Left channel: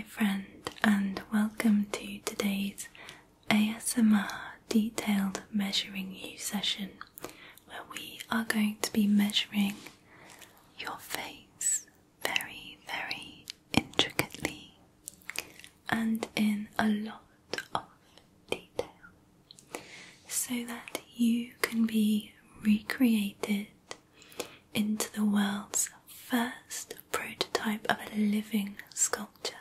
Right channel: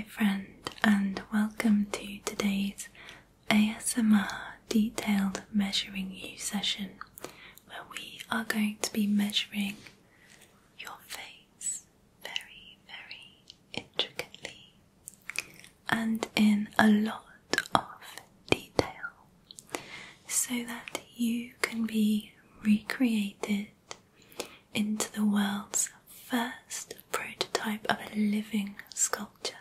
my friend, and welcome to today's ASMR detailed measuring you session, where we are going to be measuring your face very, very intricately and in a lot of detail, so that you can be recreated into the world's first prototype of a living sculpture.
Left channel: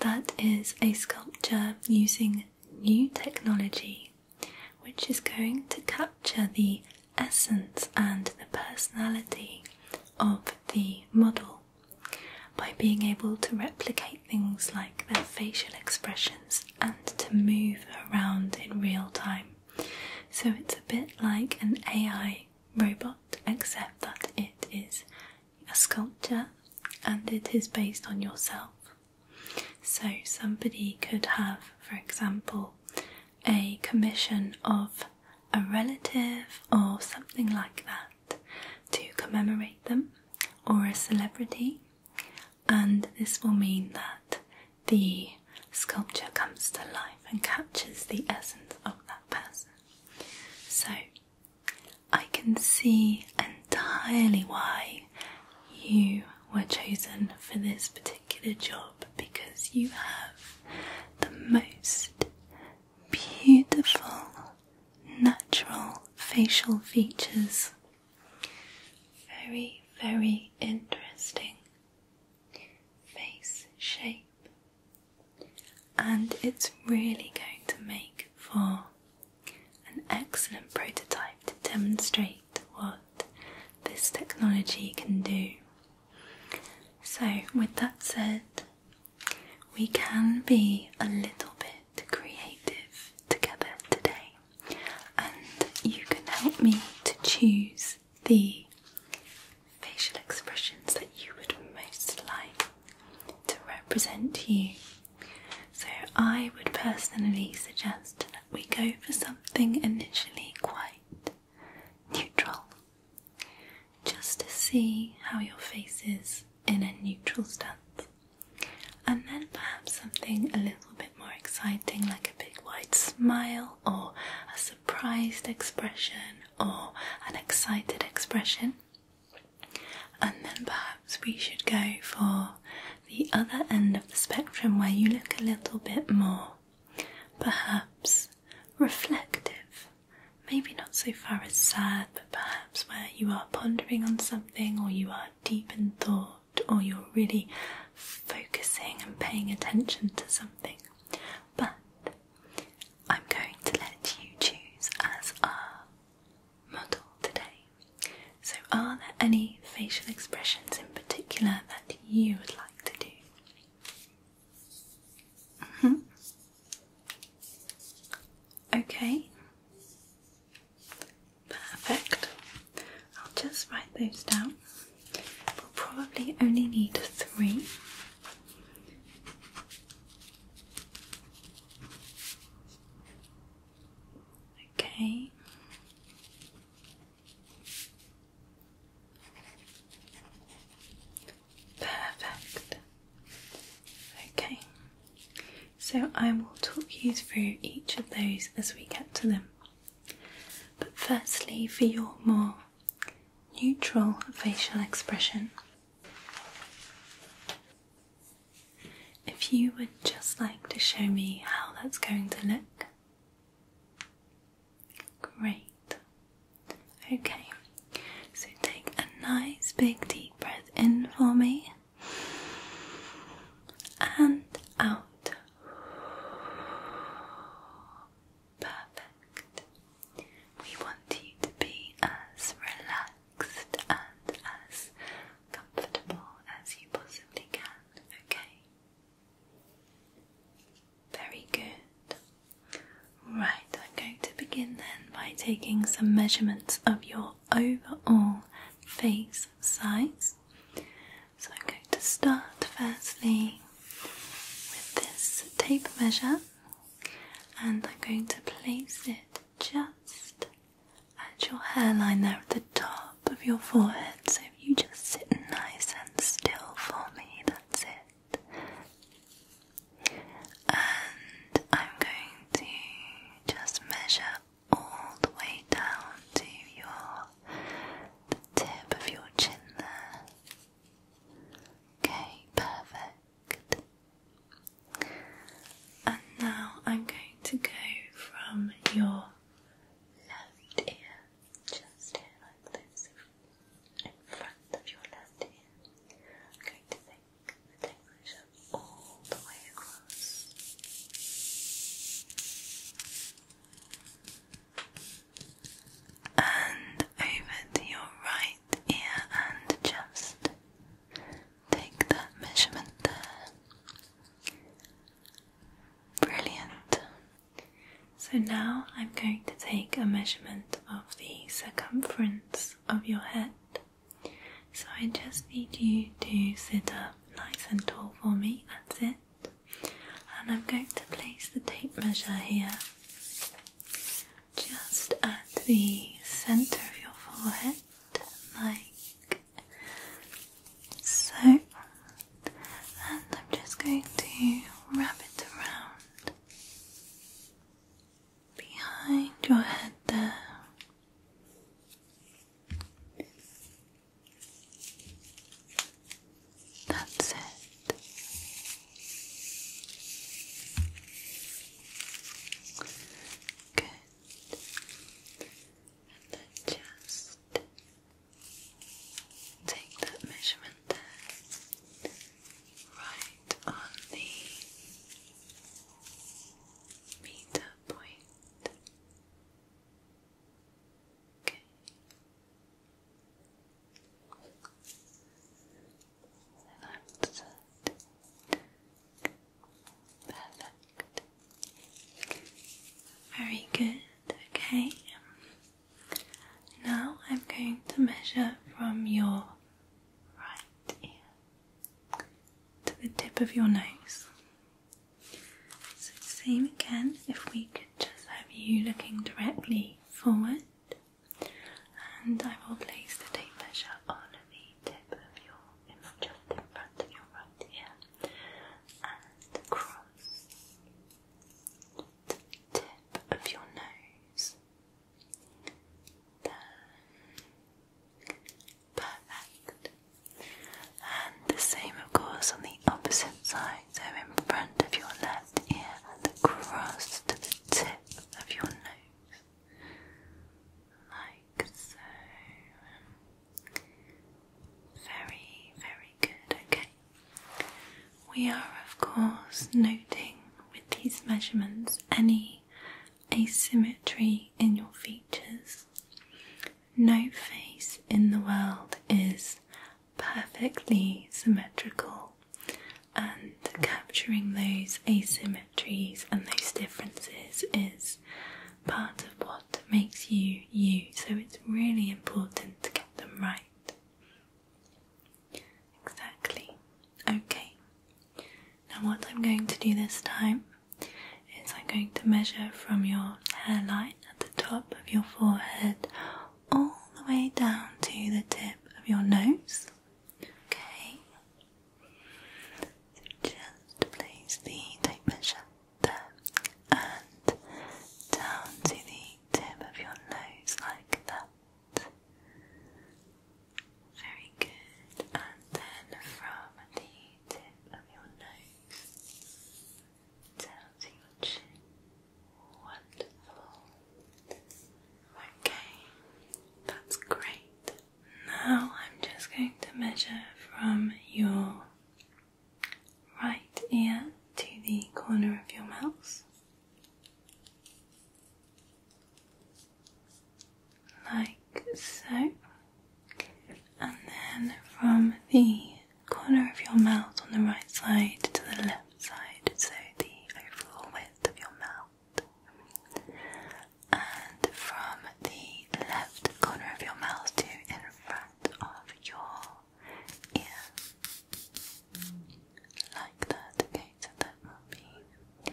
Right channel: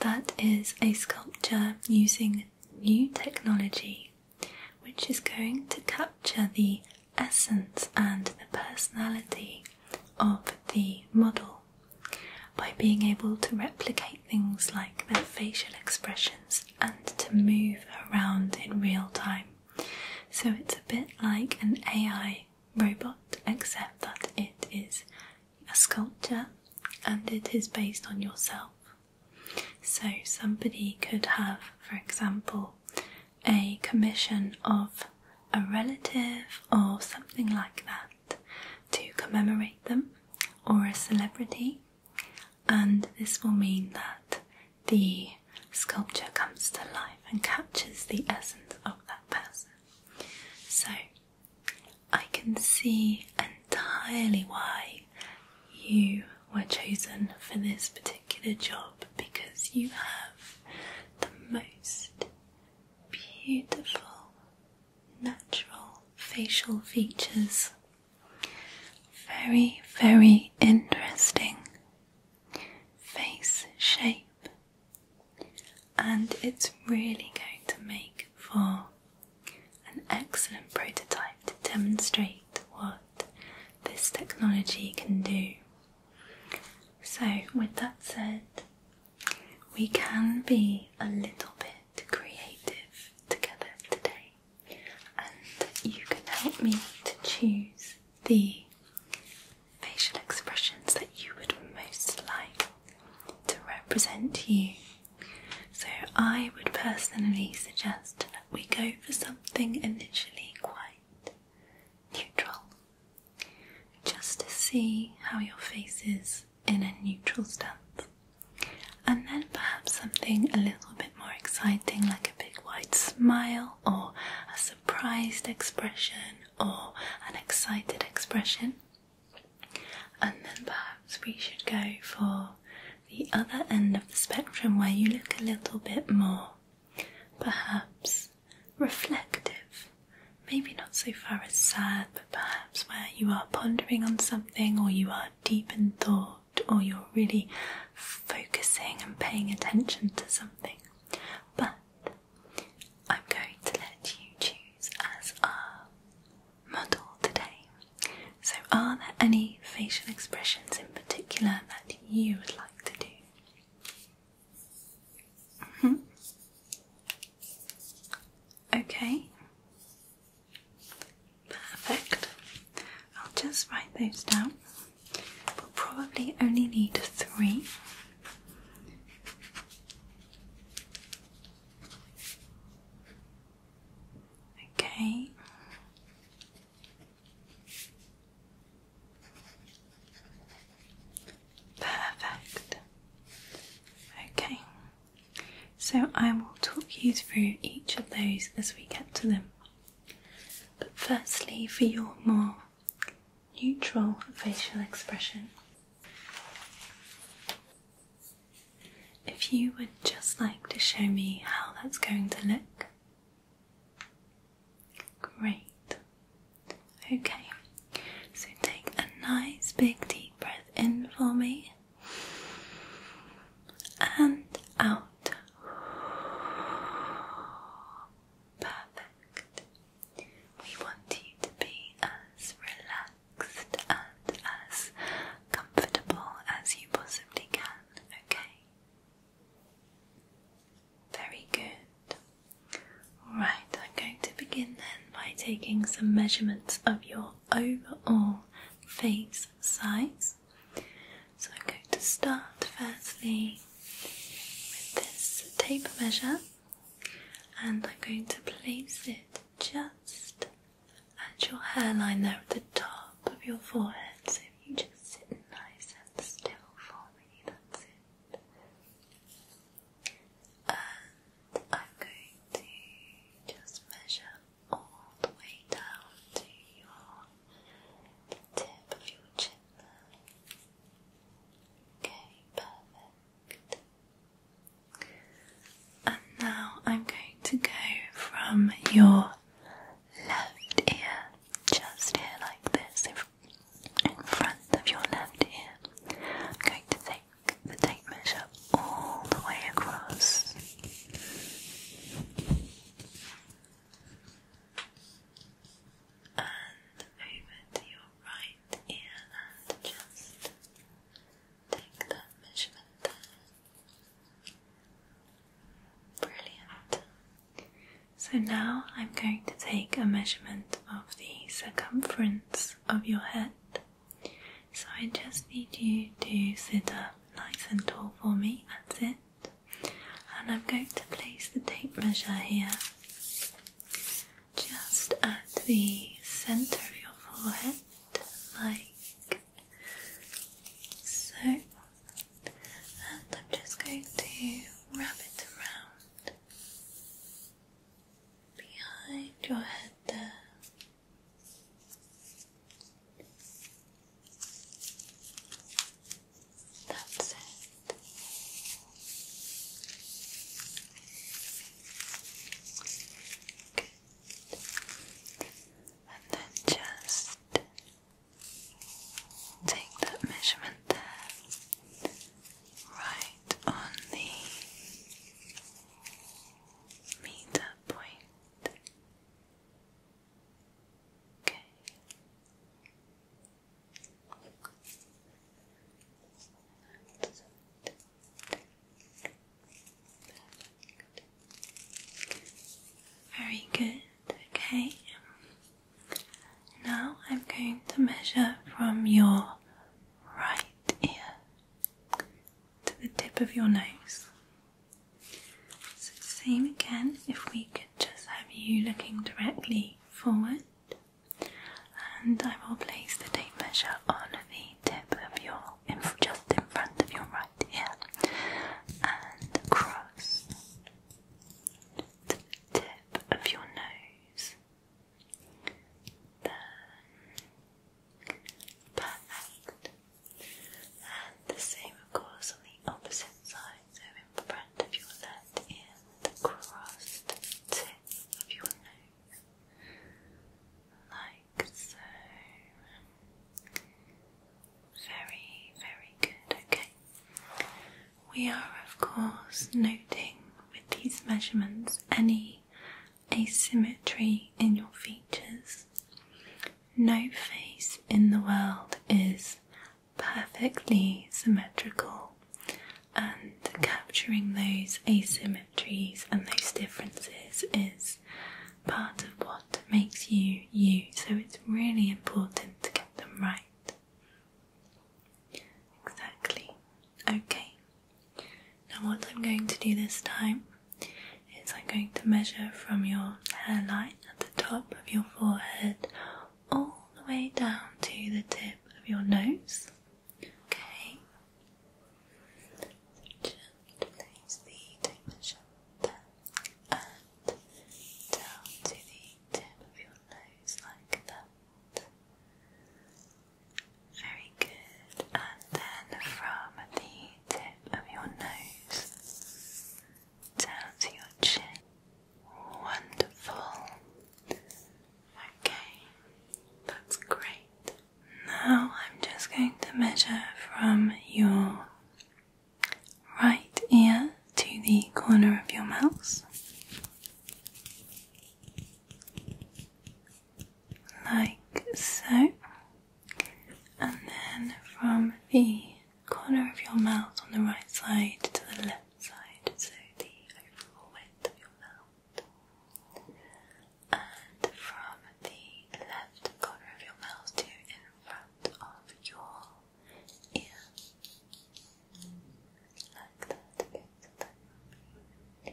That is a sculpture using new technology, which is going to capture the essence and the personality of the model by being able to replicate things like their facial expressions and to move around in real time. So it's a bit like an AI robot, except that it is a sculpture and it is based on yourself. So somebody could have, for example, a commission of a relative or something like that to commemorate them, or a celebrity, and this will mean that the sculpture comes to life and captures the essence of that person. So I can see entirely why you were chosen for this particular job, because you have the most beautiful, natural facial features. Very, very interesting face shape, and it's really going to make for an excellent prototype to demonstrate what this technology can do. So, with that said, we can be a little bit creative together today, and you can help me to choose the facial expressions that you would most like to represent you. So I would personally suggest that we go for something initially quite neutral, just to see how your face is in a neutral stance, and then perhaps something a little bit more exciting, like a big wide smile, or a surprised expression, or an excited expression. And then perhaps we should go for the other end of the spectrum, where you look a little bit more, perhaps reflective, maybe not so far as sad, but perhaps where you are pondering on something, or you are deep in thought, or you're really focusing and paying attention to something. But I'm going to let you choose as our model today. So are there any facial expressions in particular that you would like to do? Okay. Perfect. I'll just write those down. We'll probably only need 3. Okay. Perfect. Okay. So I will talk you through each of those as we get to them. But firstly, for your more neutral facial expression, if you would just like to show me how that's going to look. Great. Okay, so take a nice big deep breath in for me, and out. Perfect. We want you to be as relaxed and as comfortable as you possibly can, okay? Very good. Right, I'm going to begin then by taking some measurements of your overall face size. So I'm going to start firstly with this tape measure, and I'm going to place it just at your hairline there at the top of your forehead. So if you just sit nice and still for me, that's it. So now I'm going to take a measurement of the circumference of your head. So I just need you to sit up nice and tall for me, that's it. And I'm going to place the tape measure here, just at the centre of your forehead, like so. And I'm just going to wrap it around behind your head there. That's it. Good. And then just take that measurement there, right on the meter point. Okay. That's it. Perfect. Very good. Okay. Now I'm going to measure from your right ear to the tip of your nose. So same again, if we could just have you looking directly forward, and I will place the tape measure on the tip of your, just in front of your right ear, and across to the tip of your nose. There. Perfect. And the same of course on the opposite side, so in front of your left ear and across to the tip of your nose. Like so. Very, very good. Okay. We are of course noting with these measurements any asymmetry in your features. No face in the world is perfectly symmetrical, and capturing those asymmetries and those differences is part of what makes you you, so it's really important to get them right. Exactly. Okay. Now what I'm going to do this time is I'm going to measure from your hairline at the top of your forehead all the way down to the tip of your nose. Okay. So just place the tape measure there and down to the tip of your nose like that. Very good. And then from the tip of your nose down to your chin. Wonderful. Okay, that's great. Now I'm just going to measure from your right ear to the corner of your mouth. Like so. And then from the corner of your mouth on the right side to the left side, so the overall width of your mouth. And from the left corner of your mouth to in front of your ear. Like that. Okay, so that will be...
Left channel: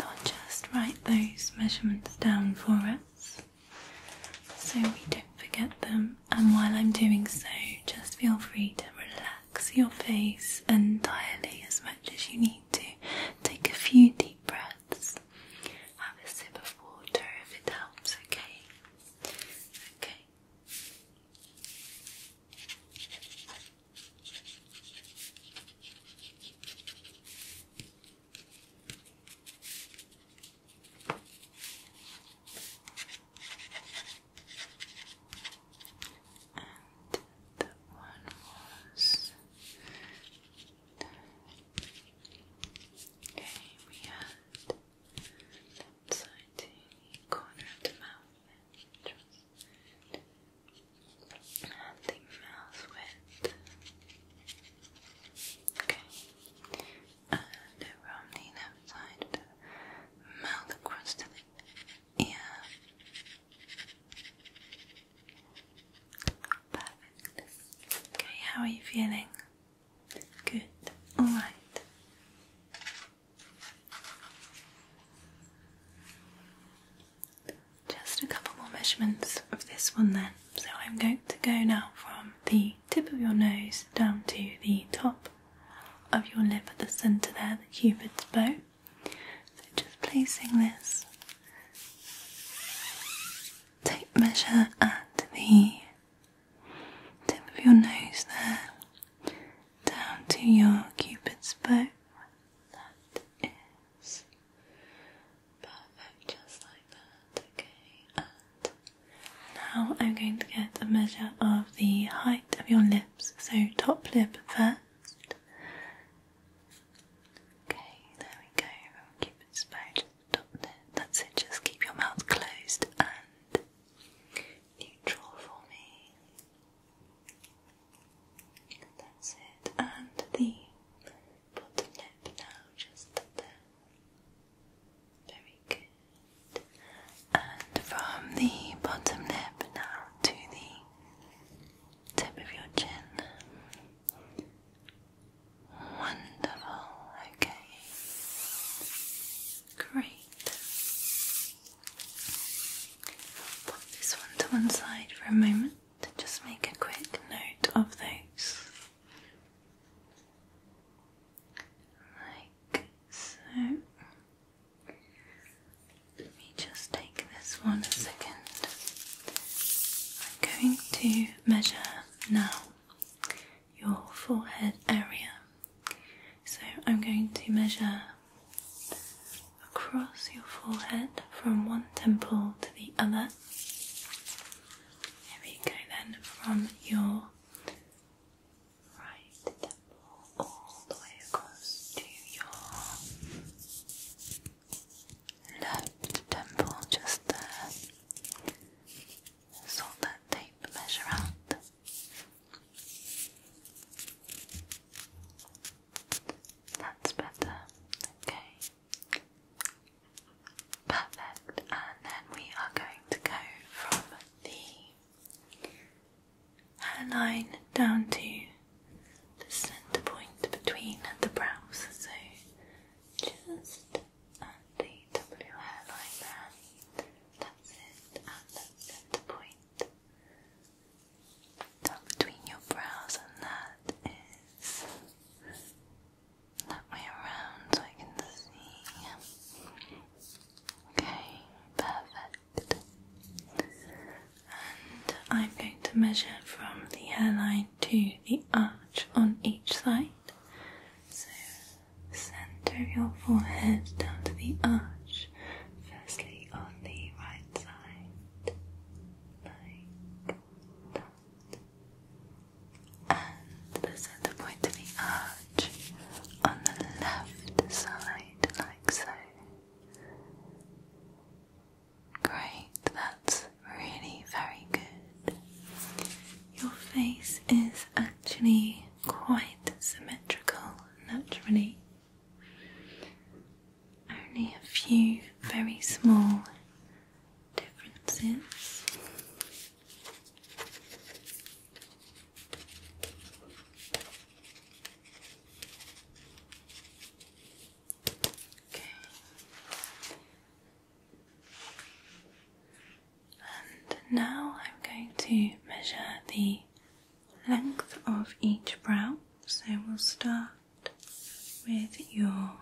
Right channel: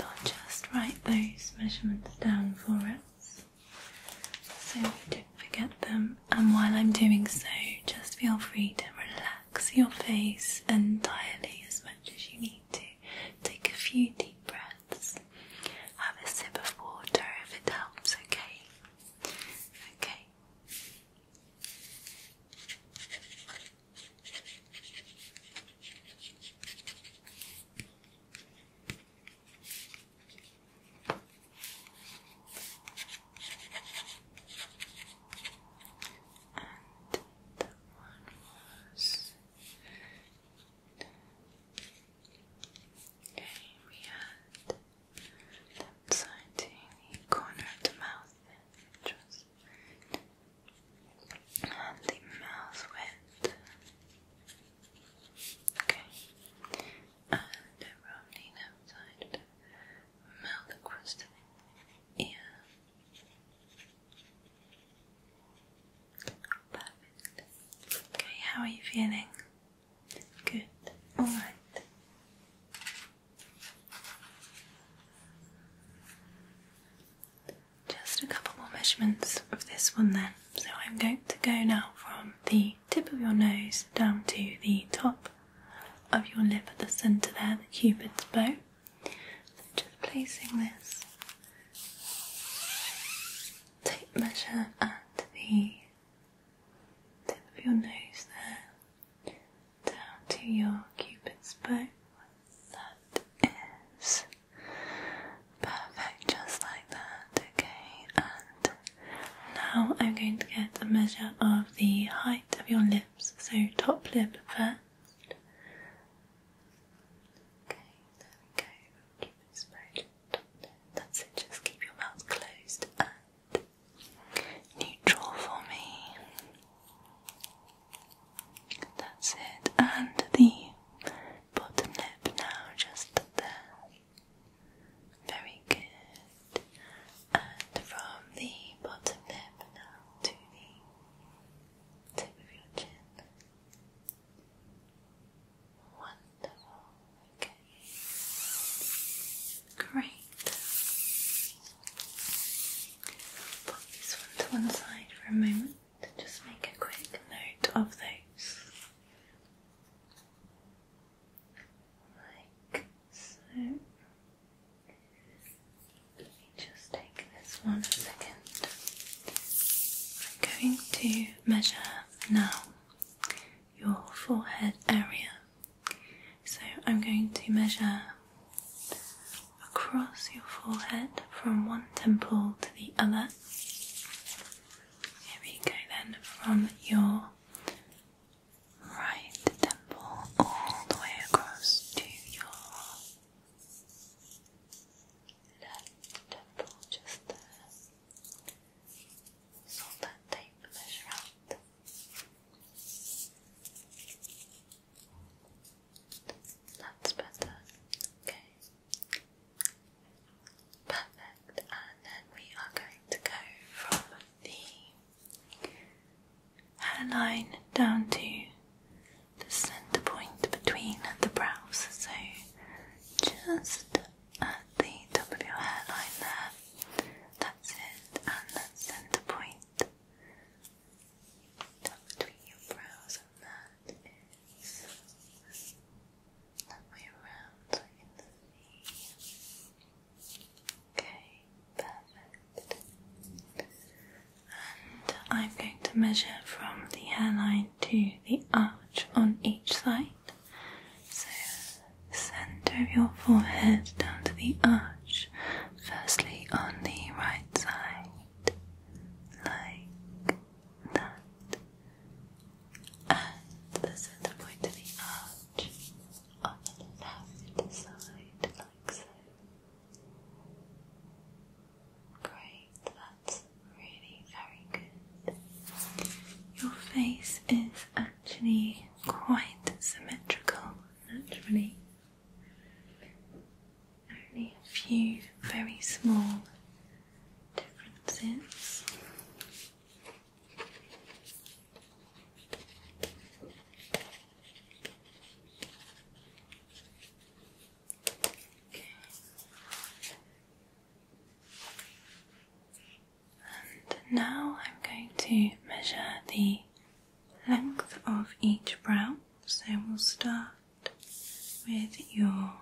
I'll just write those measurements down for us, so we don't forget them, and while I'm doing so, just feel free to relax your face entirely as much as you need to. Take a few deep breaths, have a sip of water if it helps, okay? Okay. And that one was feeling? Good. Alright. Just a couple more measurements of this one then. So I'm going to go now from the tip of your nose down to the top of your lip at the centre there, the Cupid's bow. So just placing this tape measure at the tip of your nose there, down to your Cupid's bow. That is perfect, just like that. Okay, and now I'm going to get a measure of the height of your lips, so top lip first. Okay, there we go. Cupid's bow, just top lip. That's it, just keep your mouth closed and neutral for me. That's it, and the bottom lip now, just there. Very good. And from the bottom lip now to the tip of your chin. Wonderful, okay. Great. Put this one to one side for a moment. Just make a quick note of those. Like so. Let me just take this one a second. I'm going to measure now your forehead area. So I'm going to measure across your forehead from one temple to the other. Here we go then, from your right temple all the way across to your left temple, just there. Sort that tape measure out. That's better. Okay. Perfect. And then we are going to go from the hairline down to the centre point between the brows. So just at the top of your hairline there. That's it. And that centre point down between your brows, and that is that way around so I can see. Okay, perfect. And I'm going to measure from the hairline to the arch on each side. So, centre of your forehead down to the arch. Firstly on the right side, like that. And the centre point to the arch on the left side, like so. Great, that's really very good. Your face is actually quite symmetrical naturally. Only a few very small differences. Okay. And now I'm going to measure the length of each brow. So we'll start with your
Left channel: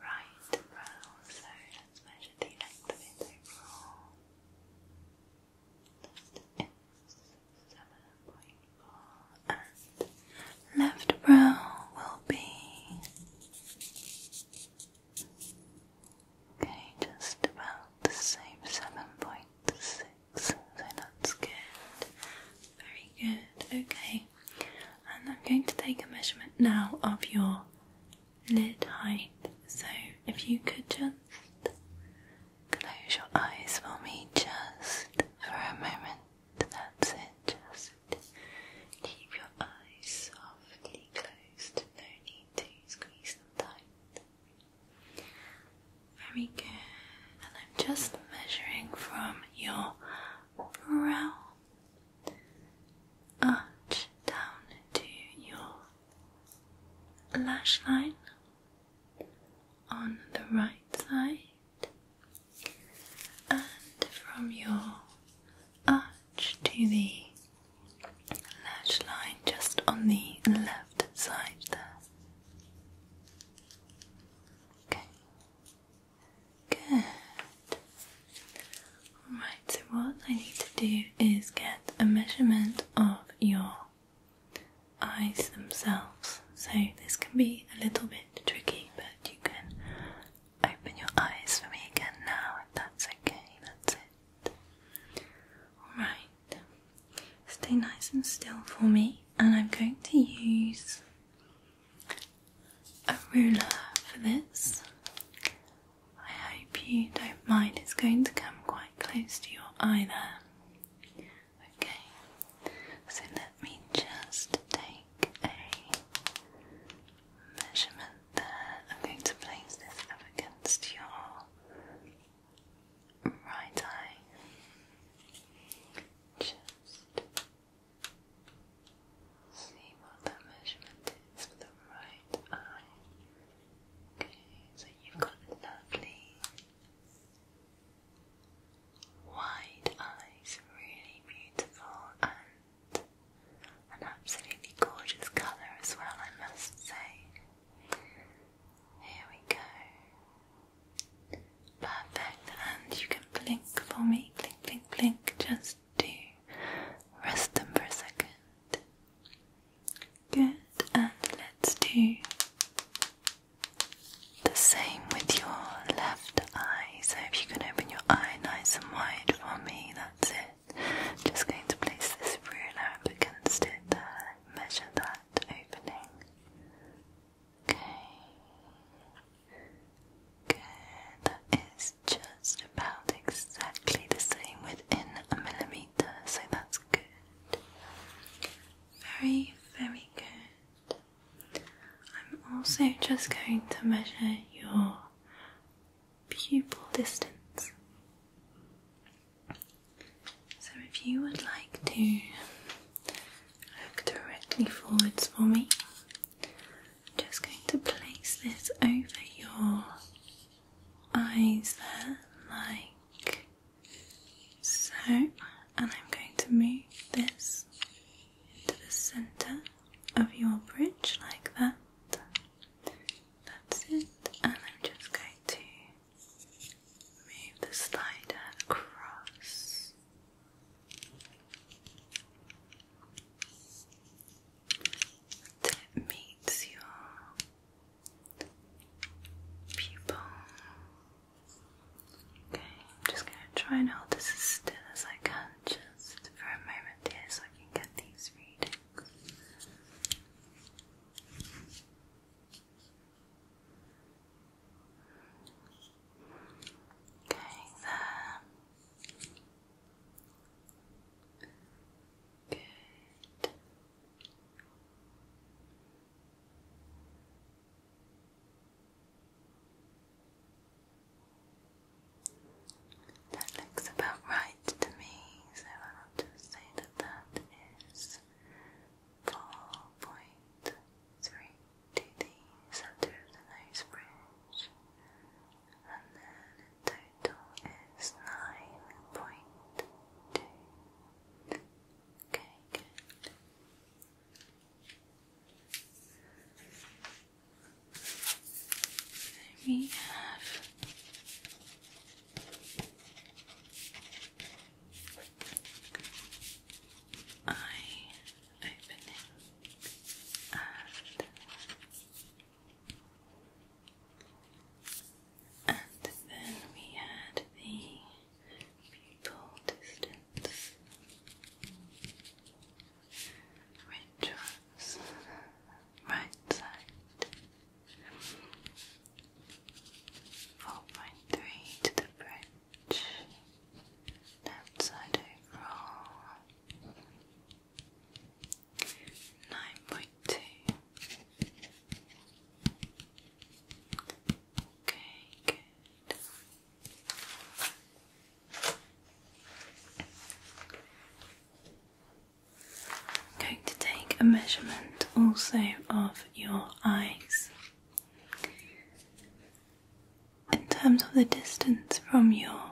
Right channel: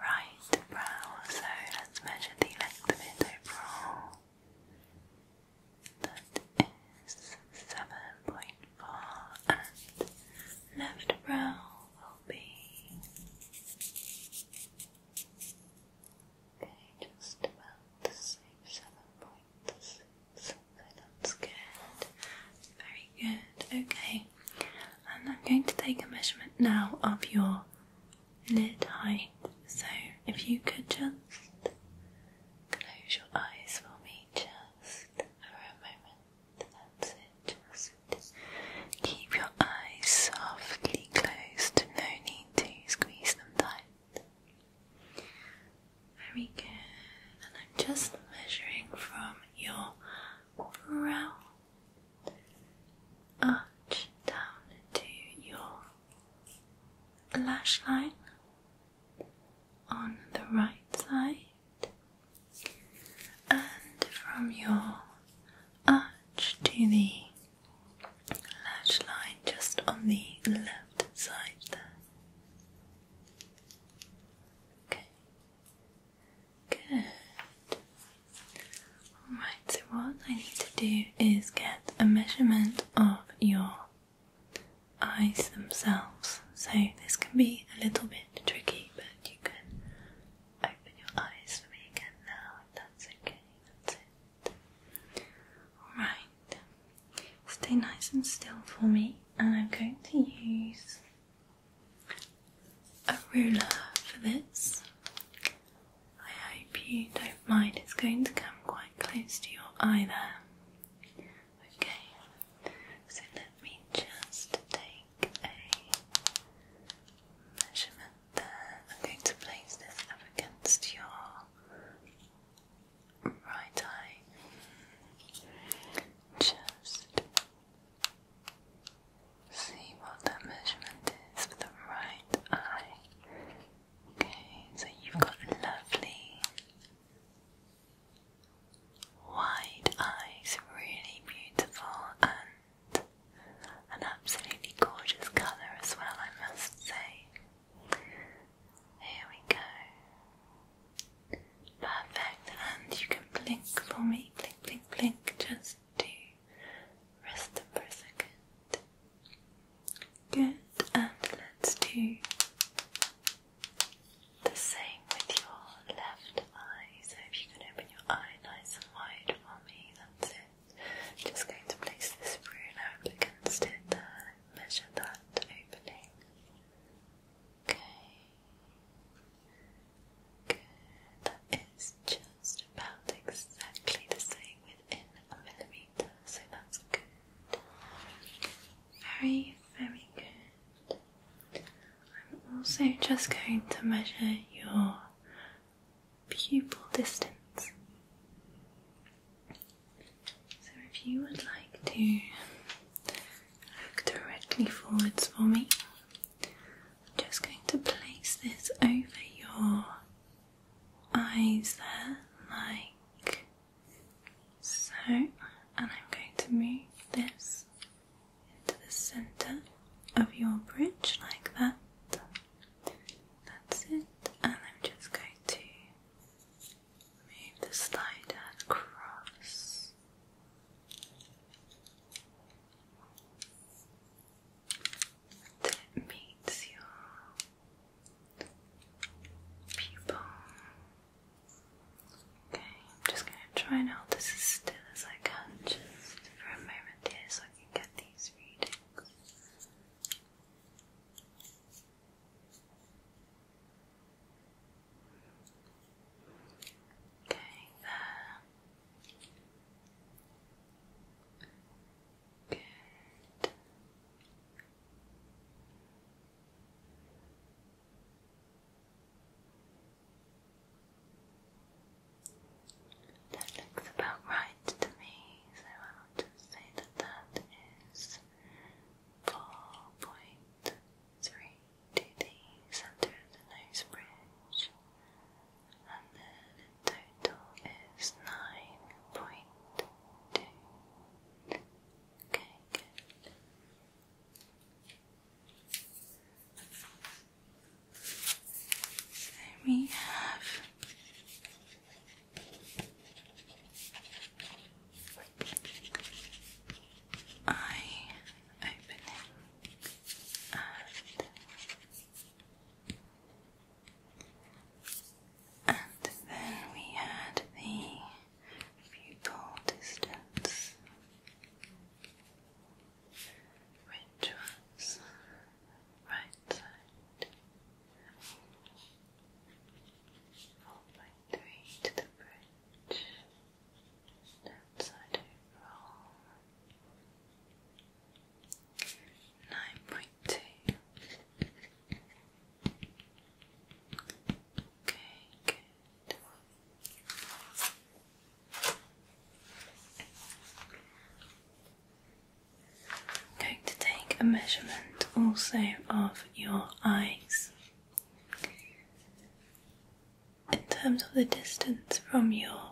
right brow. So let's measure the length of it overall. That is 7.4, and left brow will be just about the same, 7.6. So that's good. Very good. Okay. And I'm going to take a measurement now of your lid height. So if you could just close your eyes for me just for a moment. That's it. Just keep your eyes softly closed. No need to squeeze them tight. Very good. And I'm just measuring from your brow arch down lash line on the right side, and from your arch to the lash line just on the left side there. Okay, good. Alright, so what I need to do is get a measurement of your eyes themselves. So this can be a little bit tricky, but you can open your eyes for me again now, if that's okay. That's it. Alright, stay nice and still for me, and I'm going to use a ruler for this. I hope you don't mind, it's going to come quite close to your eye there. Okay, so let me just take a measurement there. I'm going to place this up against your right eye. Just see what that measurement is for the right eye. Okay, so you've got lovely wide eyes, really beautiful, and an absolutely gorgeous colour as well, I must say. Here we go. Perfect, and you can blink for me. Blink, blink, blink, just to rest them for a second. Good, and let's do the same with your left eye. So if you can open your eye nice and wide for me, that's it. Just going to place this ruler up against it, measure that opening. Okay. Good, that is just about exactly the same within a millimetre, so that's good. Very, very good. I'm also just going to measure your pupil distance. So if you would like to look directly forwards for me, I'm just going to place this over your eyes there, like so, and I'm going to move this into the centre of your bridge like that. That's it, and I'm just going to move the slider across. Until it meets your pupil. Okay, I'm just going to try and hold this as still as I can, just for a moment here, so I can get these readings. Okay, there. Good. That looks about right to me, so I'll just say that that is 4.3 to the centre of the nose bridge, and then in total is 9.2. Okay, good. There we have eye opening, and then we had the pupil distance, which was right side, 4.3 to the bridge, left side overall, 9.2. Okay, good. I'm going to take a measurement also of your eyes. terms of the distance from your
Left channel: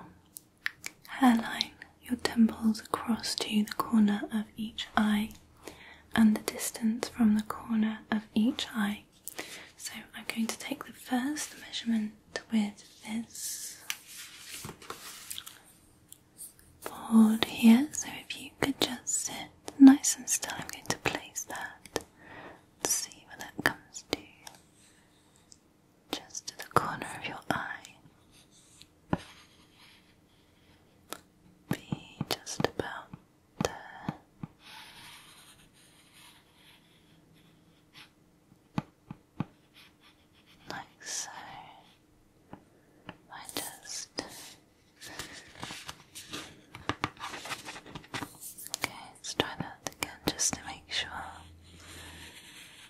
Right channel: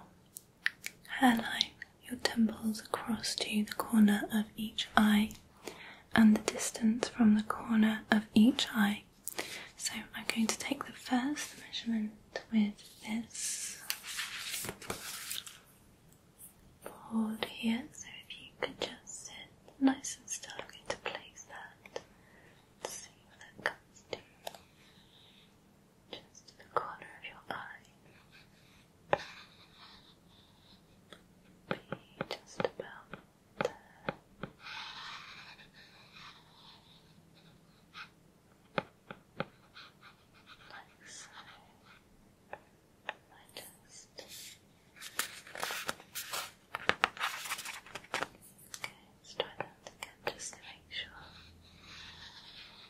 hairline, your temples across to the corner of each eye, and the distance from the corner of each eye. So I'm going to take the first measurement with this board here. So if you could just sit nice and still, I'm going to place that. Let's see where that comes to. Just to the corner of your eye. Be just about there. Like so. I just... Okay, let's try that again just to make sure.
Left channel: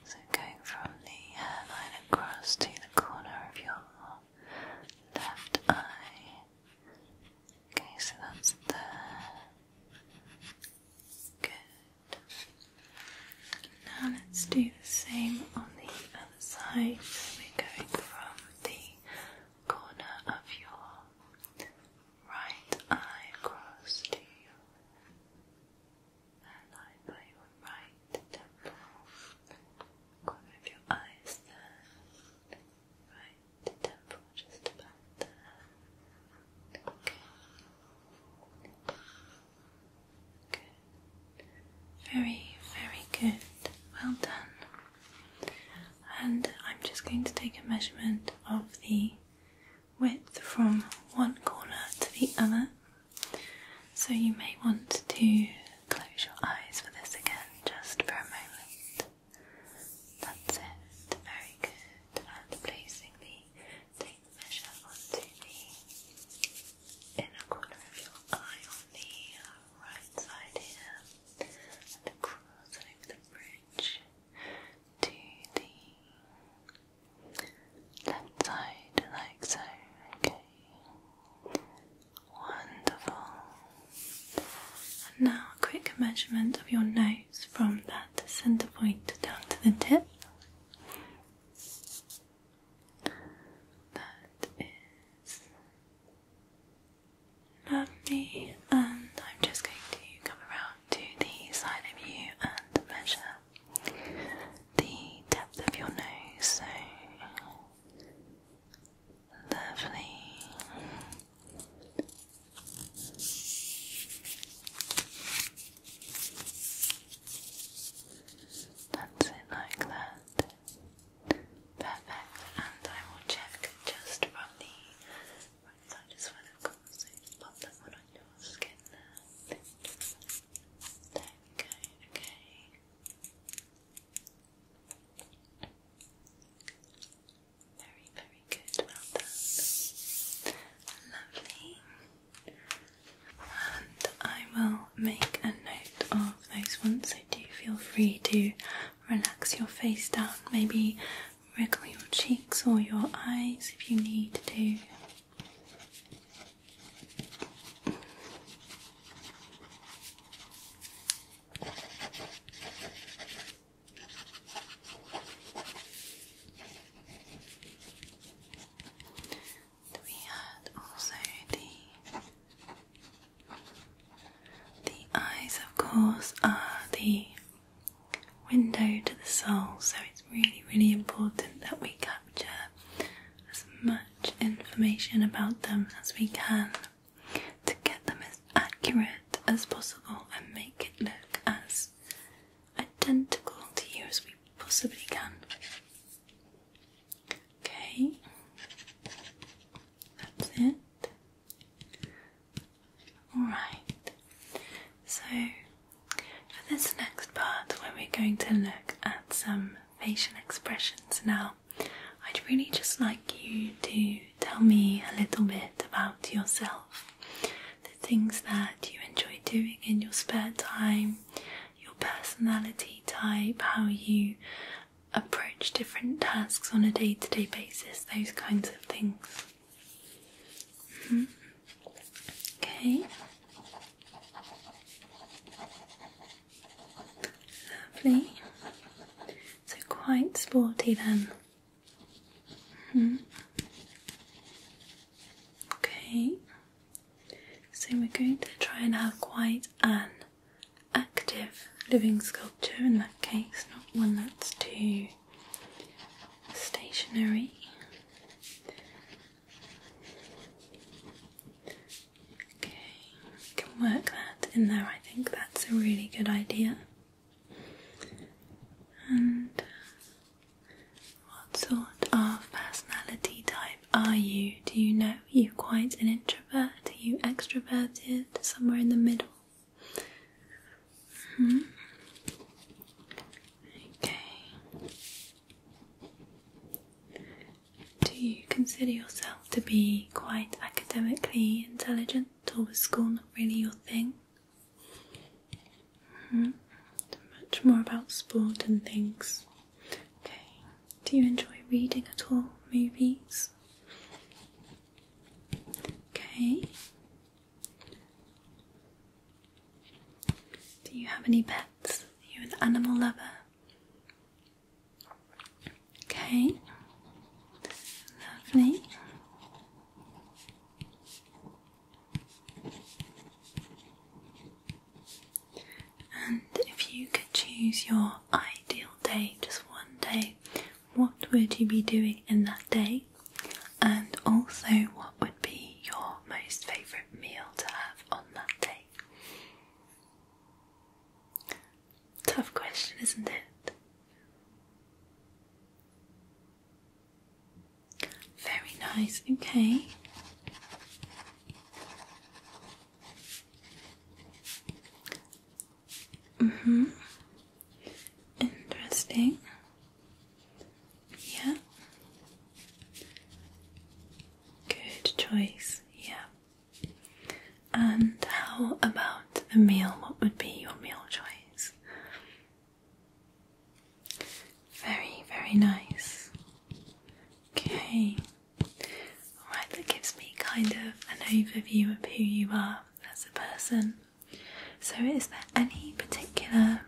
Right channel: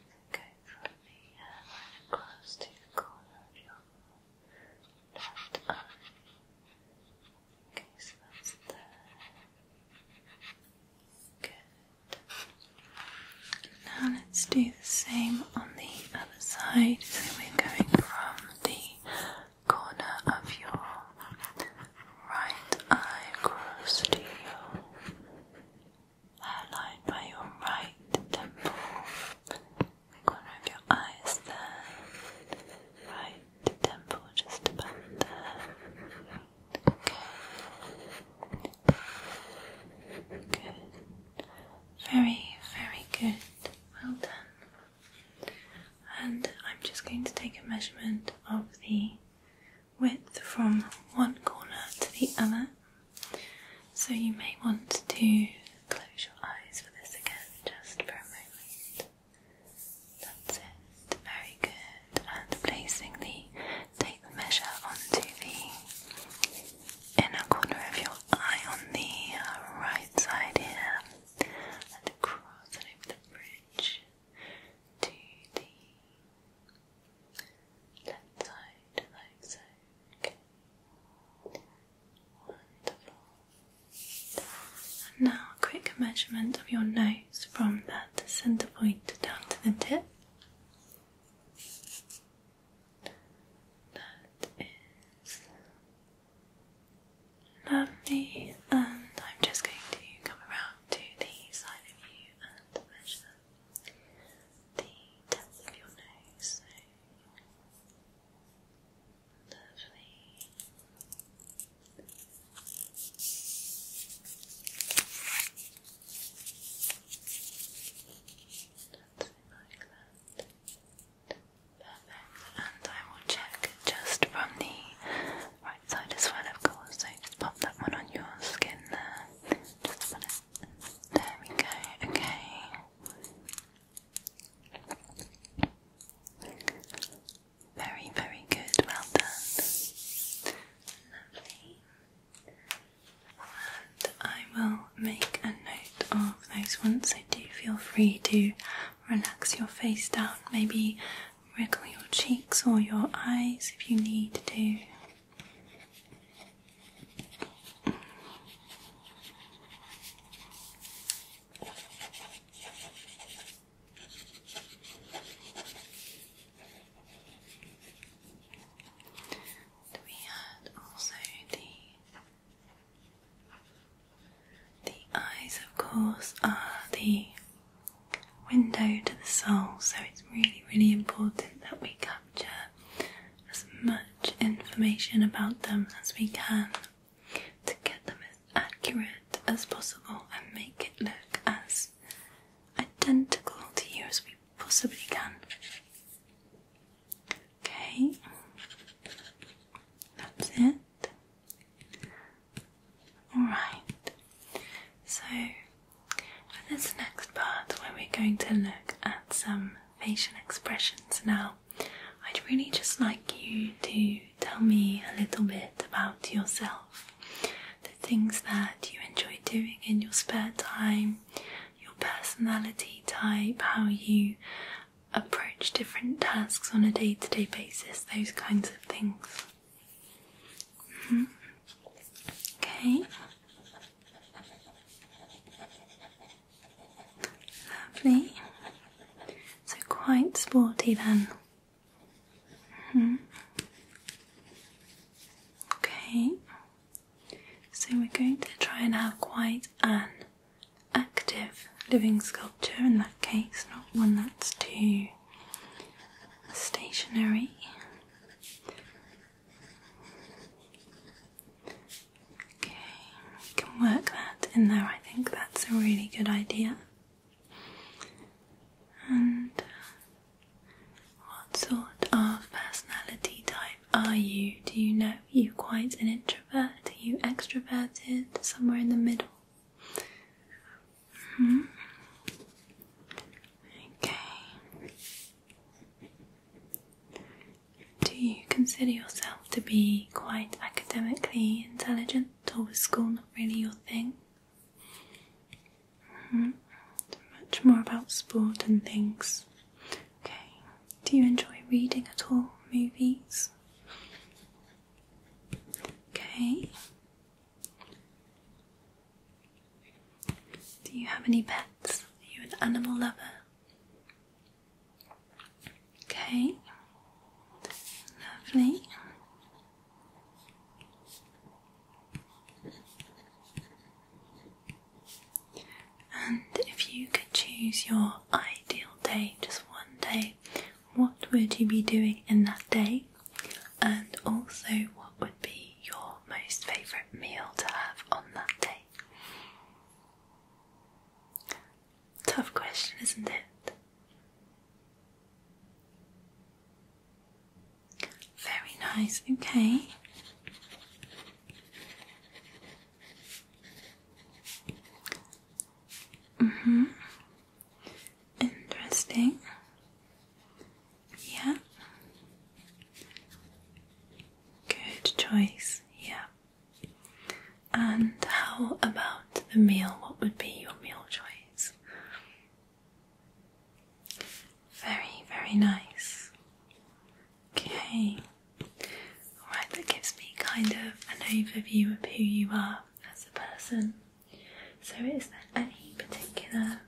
So going from the hairline across to the corner of your left eye. Okay, so that's there. Good. Now let's do the same on the other side. So we're going from the corner of your right eye across to your hairline by your right temple. The corner of your eye is there. Right temple just about there. Okay. Good. Very, very good. Well done. And I'm just going to take a measurement of the width from one corner to the other. So you may want to close your eyes for this again, just for a moment. That's it. Very good. And placing take the measure onto the inner corner of your eye on the right side here, and across and over the bridge to the left side, like so. Okay. Wonderful. And now a quick measurement of your nose from that centre point down to the tip. That is lovely, and I'm just going to come around to the side of you and measure the depth of your nose. So lovely. That's it, like that. Perfect. And I will check just from the right side as well, of course. So just pop that one on your skin there. Just put it. There we go. Okay. Very, very good. Well done. Lovely. And I will make a note of those ones, so do feel free to relax your face down, maybe wriggle your cheeks or your eyes if you need to. We had also the eyes, of course, are the window to the soul, so it's really, really important that we capture as much information about them as we can to get them as accurate as possible and make it look as identical to you as we possibly can. Okay, that's it. Alright, so for this next part where we're going to look at some facial expressions now, I'd really just like you to tell me a little bit about yourself, the things that you enjoy doing in your spare time, your personality type, how you approach different tasks on a day-to-day basis, those kinds of things. Okay. Lovely. So quite sporty then. we're going to try and have quite an active living sculpture in that case, not one that's too stationary. Okay, we can work that in there. I think that's a really good idea. And what sort of personality type are you? Do you know? Are you quite an introvert? Are you extroverted? Somewhere in the middle? Okay. Do you consider yourself to be quite academically intelligent, or was school not really your thing? Much more about sport and things. Okay. Do you enjoy reading at all? Movies? Okay. Do you have any pets? Are you an animal lover? Okay. Lovely. And if you could choose your ideal day, just one day, what would you be doing in that day? And also, what would be your most favourite meal to have on that day? Tough question, isn't it? Very nice, okay. Interesting. Yeah. Good choice, yeah. And how about the meal? What would be your meal choice? Very, very nice. Okay. Alright, that gives me kind of an overview of who you are as a person. So is there any particular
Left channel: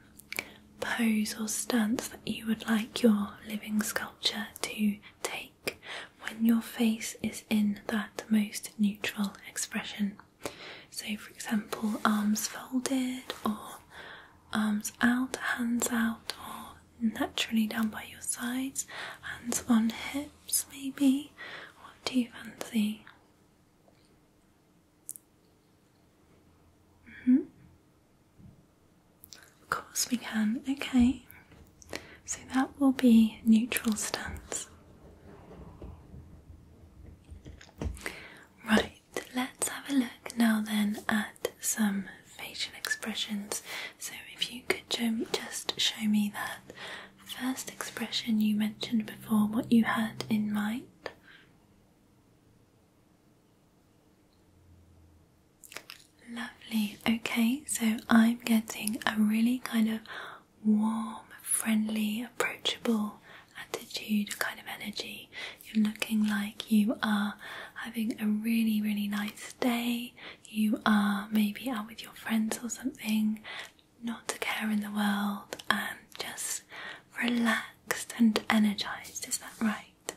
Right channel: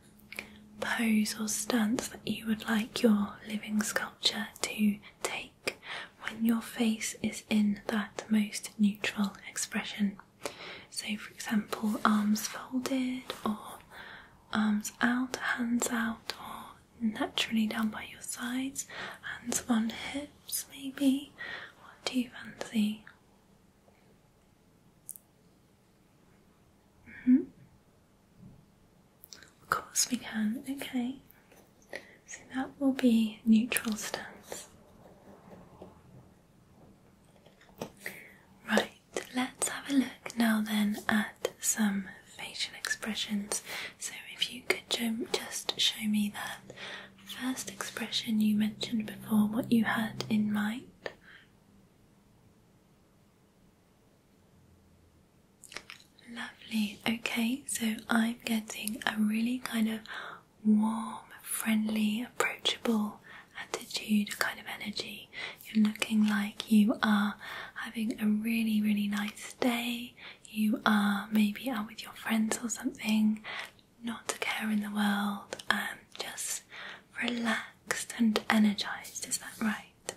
pose or stance that you would like your living sculpture to take when your face is in that most neutral expression? So for example, arms folded, or arms out, hands out, or naturally down by your sides, hands on hips maybe. What do you fancy? Of course we can, okay. So that will be neutral stance. Right, let's have a look now then at some facial expressions. So if you could just show me that first expression you mentioned before, what you had in mind. Lovely, okay, so I'm getting a really kind of warm, friendly, approachable attitude, a kind of energy. You're looking like you are having a really, really nice day. You are maybe out with your friends or something, not a care in the world, and just relaxed and energized. Is that right?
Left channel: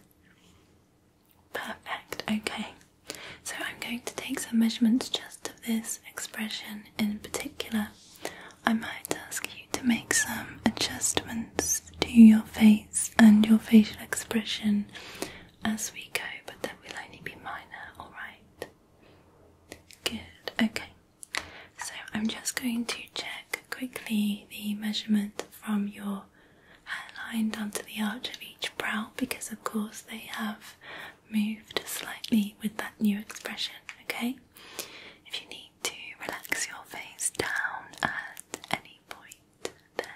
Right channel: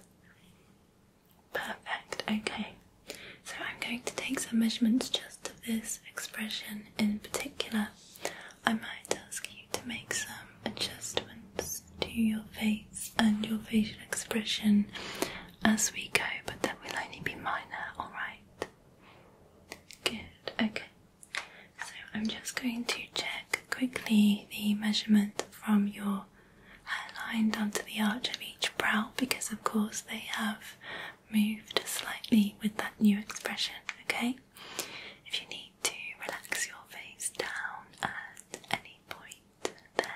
Perfect, okay. So I'm going to take some measurements just of this expression in particular. I might ask you to make some adjustments to your face and your facial expression as we go, but that will only be minor, alright? Good, okay. So I'm just going to check quickly the measurement from your hairline down to the arch of each brow, because of course they have moved slightly with that new expression, okay? If you need to relax your face down at any point, then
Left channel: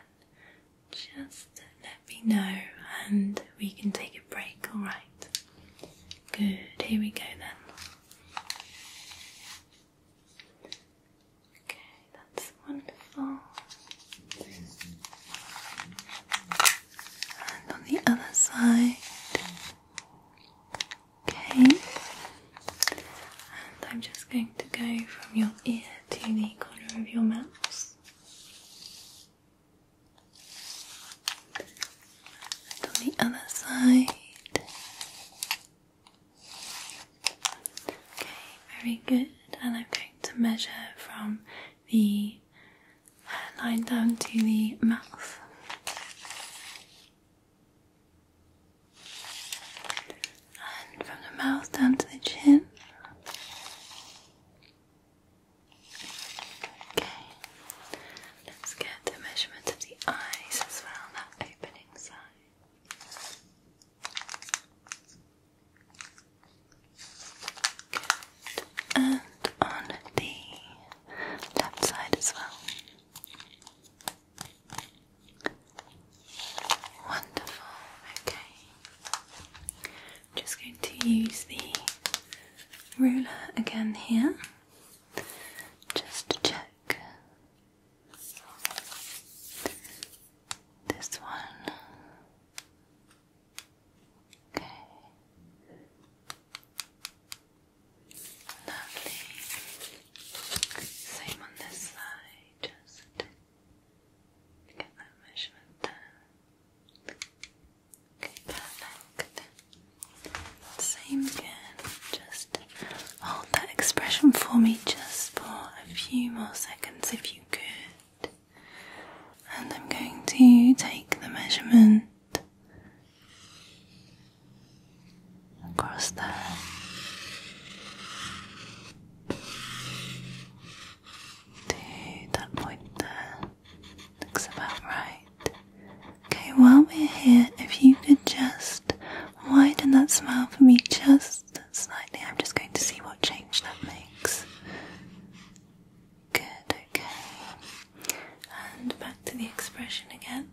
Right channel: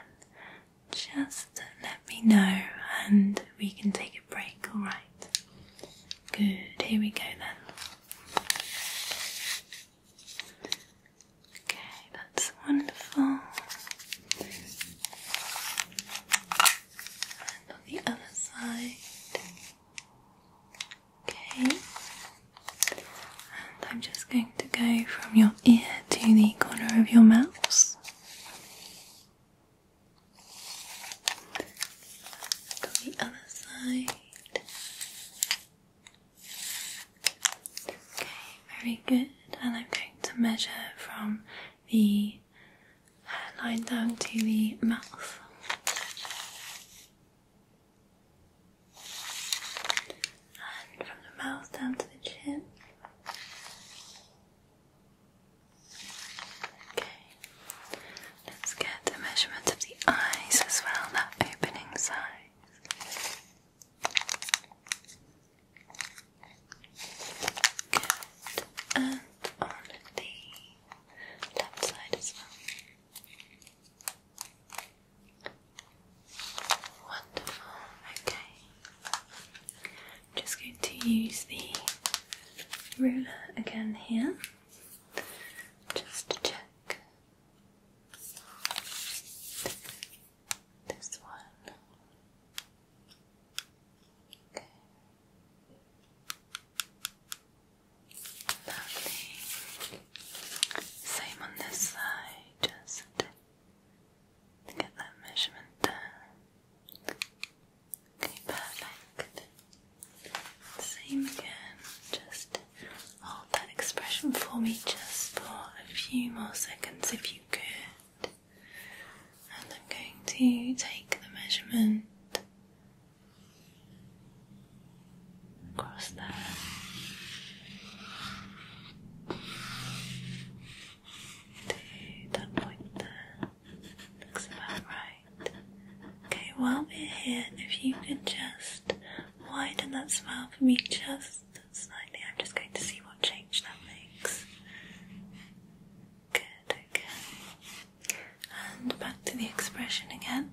just let me know and we can take a break, alright? Good, here we go then. Okay, that's wonderful. And on the other side. Okay, and I'm just going to go from your ear to the corner of your mouth. And the other side. Okay, very good. And I'm going to to measure from the hairline down to the mouth. And from the mouth down to the chin. Okay, let's get a measurement of the eyes as well, that opening size. And on the left side as well. Wonderful, okay. I'm just going to use the ruler again here, just to check this one. Okay. Lovely. Same on this side, just to get that measurement there. Okay, perfect. Same again, just hold that expression for me just for a few more seconds if you could. And I'm going to take the measurement across there. To that point there. Looks about right. Okay, while we're here, if you could just widen that smile for me just slightly. I'm just going to see what change that makes. Good, okay. And back to the expression again.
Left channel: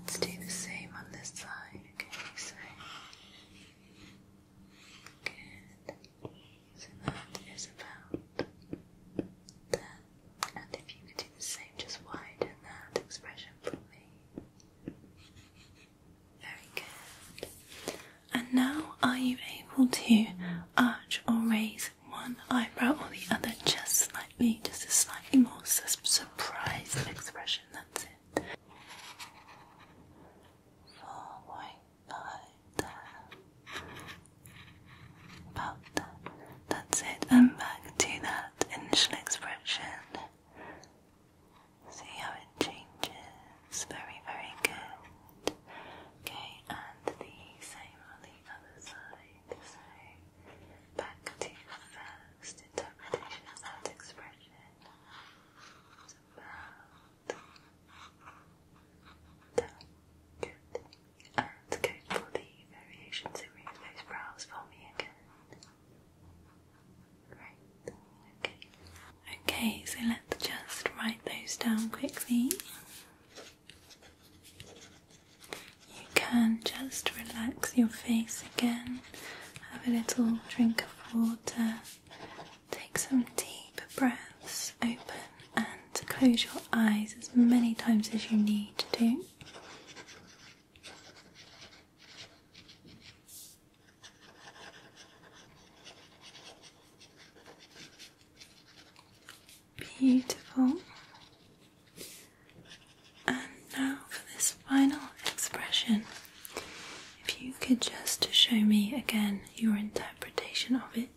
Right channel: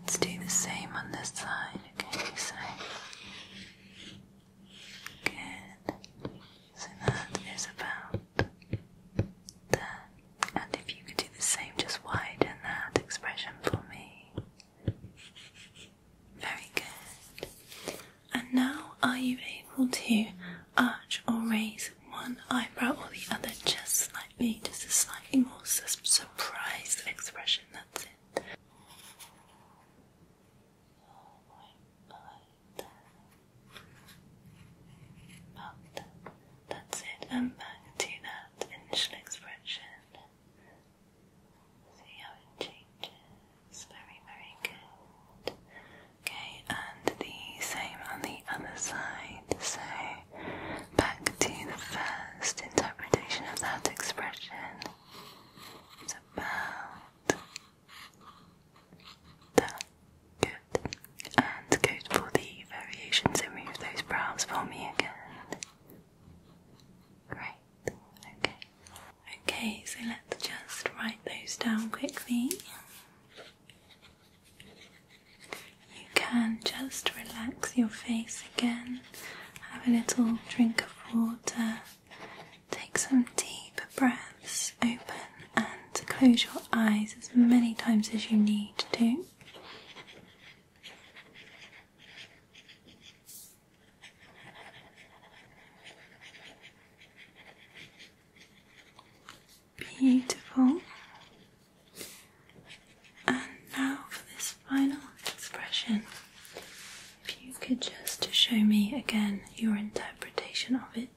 Let's do the same on this side. Okay, so good. So that is about there. And if you could do the same, just widen that expression for me. Very good. And now, are you able to arch or raise one eyebrow or the other just slightly, just a slightly more surprised expression? That's it. 4.5 there. About that. That's it. And back to that initial expression. See how it changes. Very, very good. Okay, and the same on the other side. So back to the first interpretation of that expression. It's about that. Good. And go for the variation, so move those brows for me again. Great. Okay. Okay, so let's just write those down quickly. You can just relax your face again, have a little drink of water, take some deep breaths, open and close your eyes as many times as you need to. Beautiful. And now for this final expression, if you could just show me again your interpretation of it.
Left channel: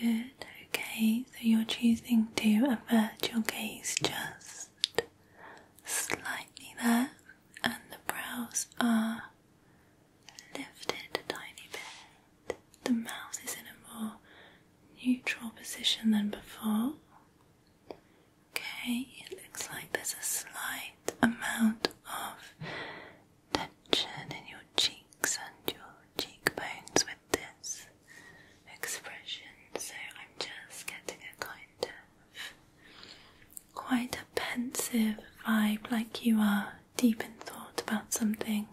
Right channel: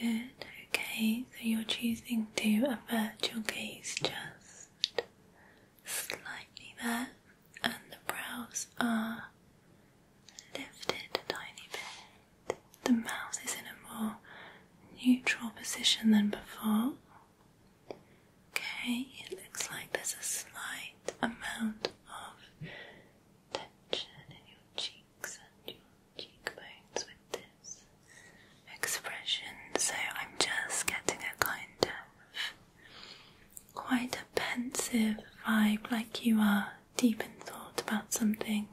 Good, okay, so you're choosing to avert your gaze just slightly there, and the brows are lifted a tiny bit. The mouth is in a more neutral position than before. Okay, it looks like there's a slight amount of tension in your cheeks and your cheekbones with this expression, so I'm just getting a kind of quite a pensive vibe, like you are deep in thought about something.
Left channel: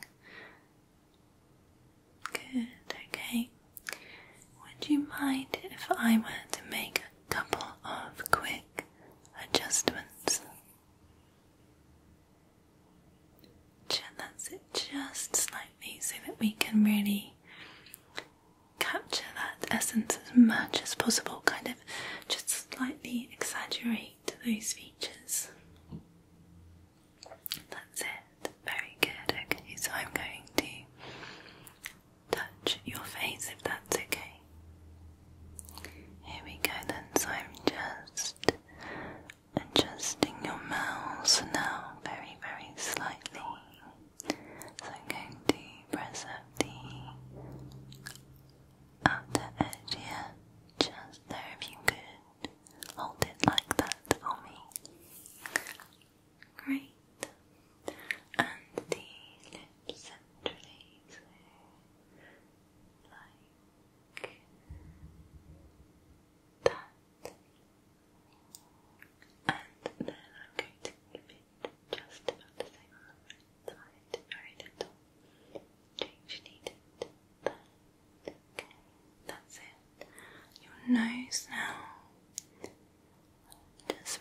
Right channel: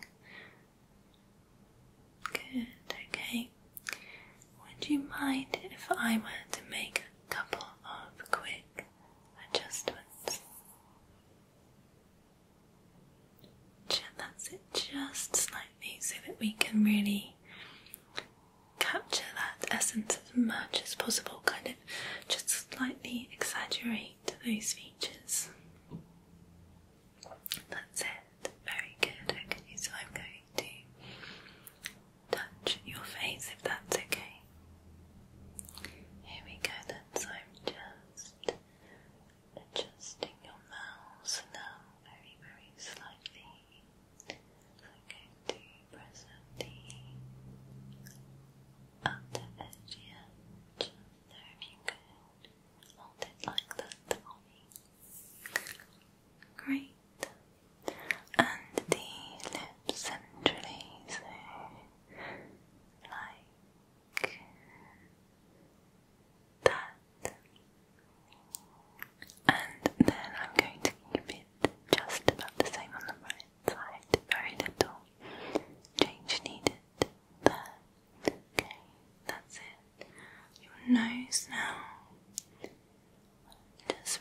Good, okay. Would you mind if I were to make a couple of quick adjustments? That's it, just slightly, so that we can really capture that essence as much as possible, kind of just slightly exaggerate those features. That's it, very good. Okay, so I'm going to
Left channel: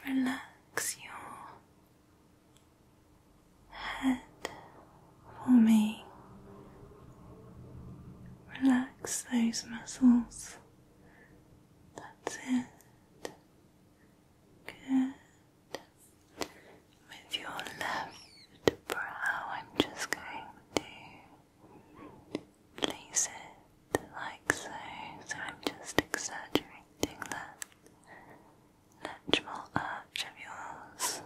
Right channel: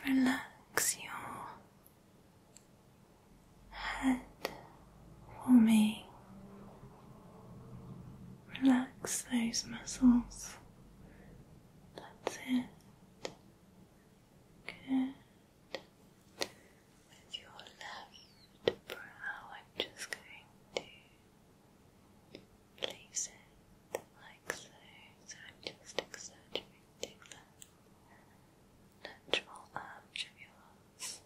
relax your head for me. Relax those muscles. That's it. Good. With your left brow, I'm just going to place it like so. So I'm just exaggerating that natural arch of yours,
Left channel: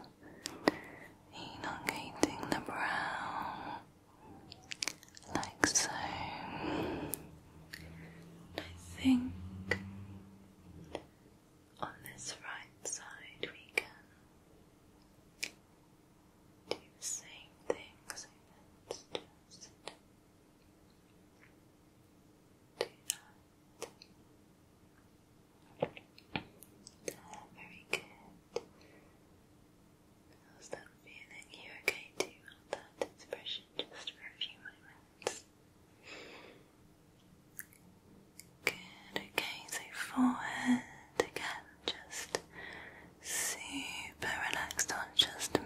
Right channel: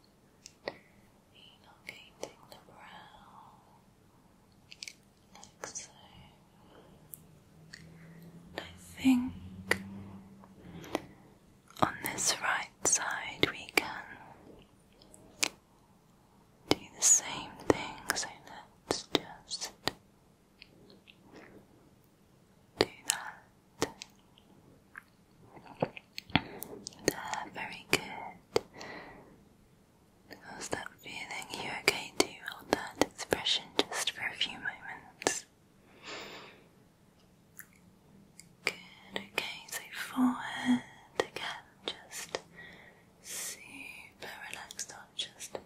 elongating the brow like so. I think on this right side we can do the same thing, so let's just do that. There, very good. How's that feeling? Are you okay to hold that expression just for a few moments? Good, okay, so forehead again, just super relaxed on, just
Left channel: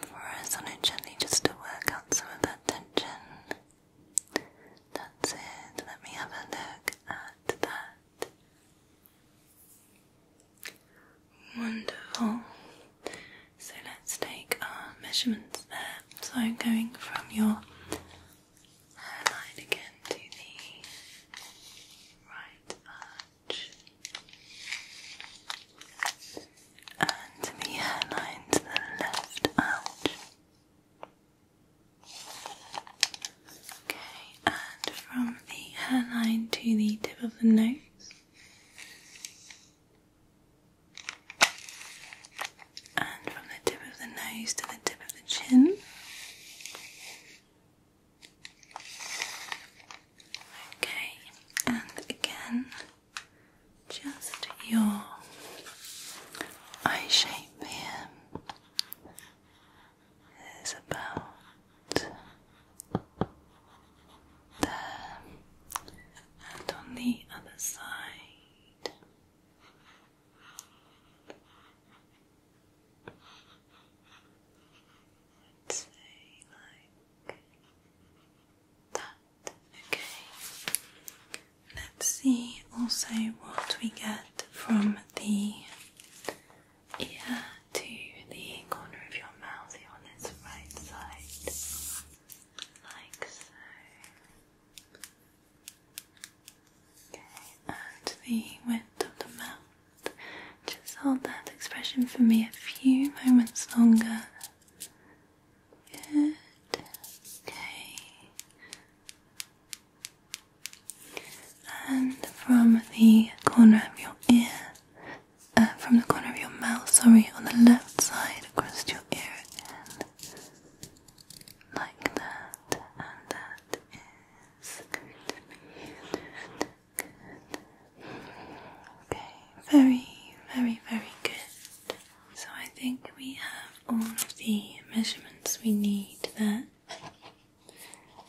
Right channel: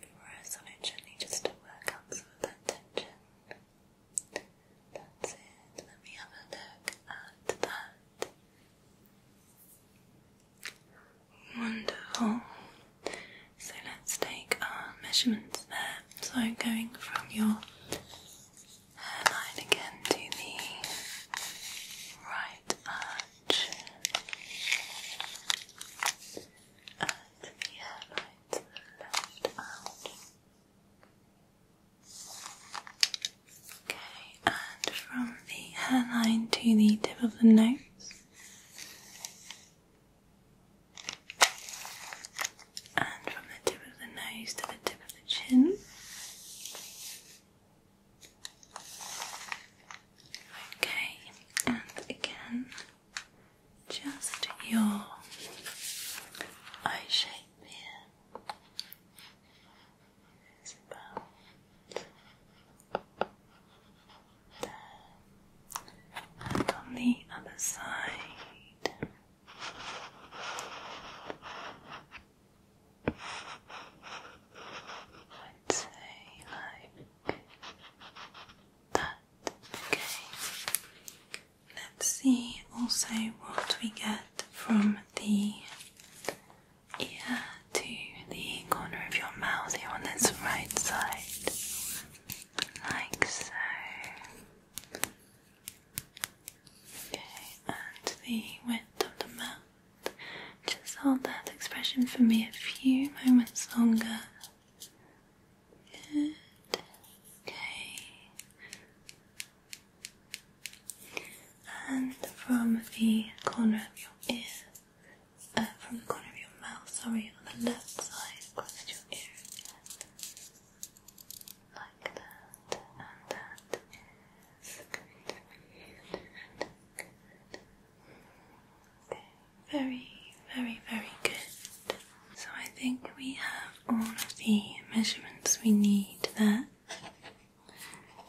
press on it gently just to work out some of that tension. That's it, let me have a look at that. Wonderful. So let's take our measurements there. So I'm going from your hairline again to the right arch and the hairline to the left arch. Okay, and from the hairline to the tip of the nose. And from the tip of the nose to the tip of the chin. Okay, and again, just your eye shape here is about there, and on the other side. I'd say like that. Okay. Let's see also what we get from the ear to the corner of your mouth here on this right side. Like so. Okay, and the width of the mouth. Just hold that expression for me a few moments longer. Good. Okay. And from the corner of your ear, from the corner of your mouth, sorry, on the left side across your ear again. Like that. And that is good. Okay, very, very, very good. So I think we have all of the measurements we need there.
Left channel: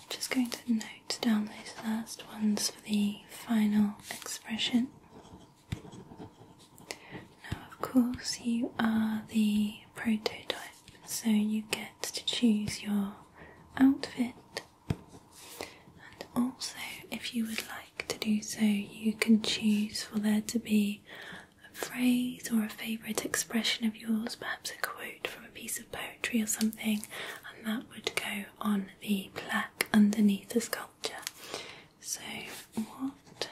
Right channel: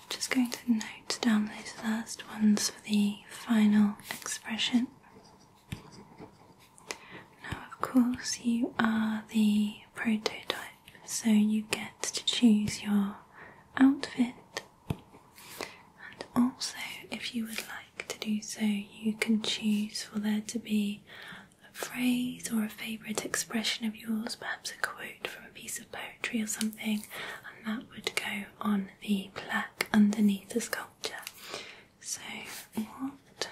Just going to note down those last ones for the final expression. Now, of course, you are the prototype, so you get to choose your outfit. And also, if you would like to do so, you can choose for there to be a phrase or a favourite expression of yours, perhaps a quote from a piece of poetry or something, and that would go on the plaque underneath the sculpture. So, what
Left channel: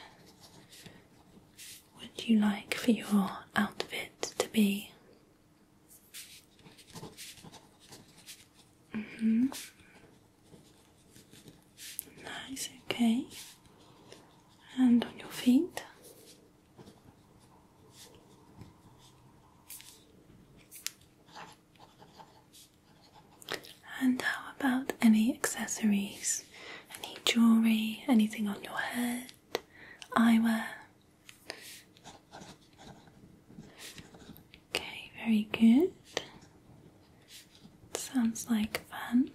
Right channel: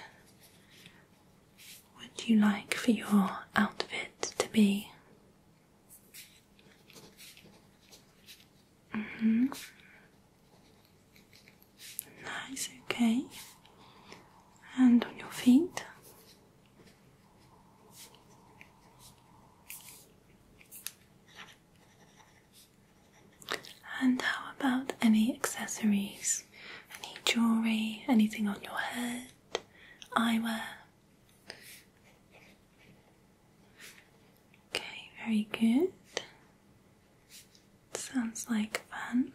would you like for your outfit to be? Nice, okay. And on your feet. And how about any accessories? Any jewellery, anything on your head, eyewear? Okay, very good. Sounds like fun.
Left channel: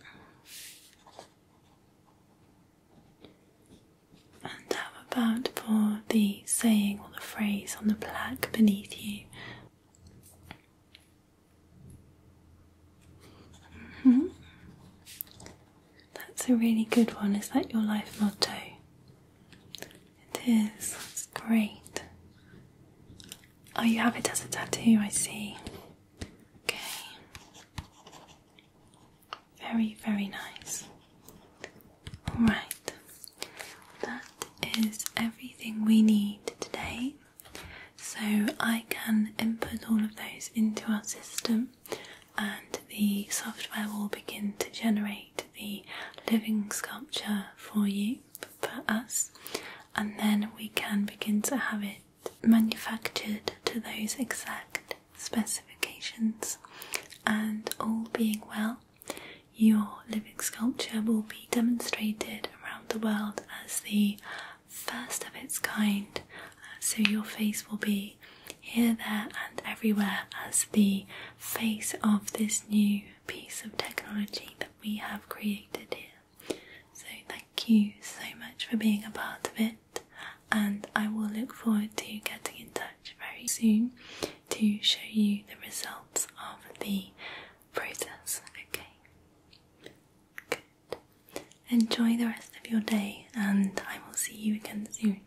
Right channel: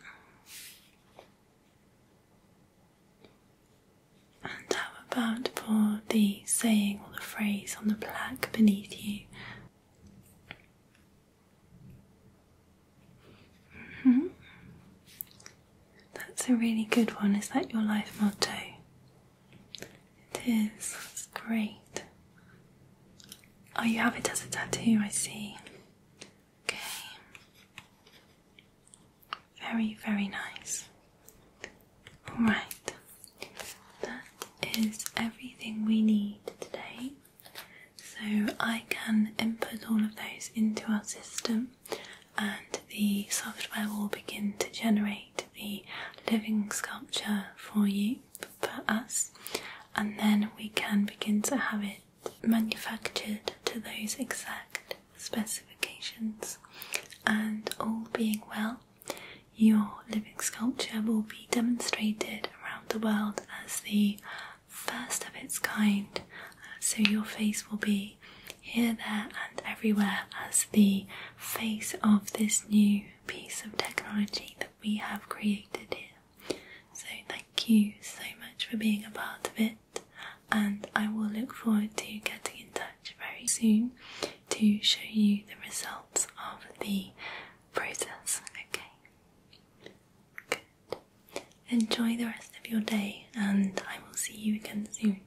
And how about for the saying or the phrase on the plaque beneath you? That's a really good one. Is that your life motto? It is. That's great. Oh, you have it as a tattoo, I see. Okay. Very, very nice. Alright. That is everything we need today. So I can input all of those into our system, and the software will begin to generate the living sculpture for you, for us, and then we can begin to have it manufactured to those exact specifications. And all being well, your living sculpture will be demonstrated around the world as the first of its kind. So your face will be here, there and everywhere as the face of this new piece of technology that we have created here. So thank you so much for being a part of it, and I will look forward to getting in touch very soon to show you the results of the process. Okay, good. Enjoy the rest of your day, and I will see you again soon.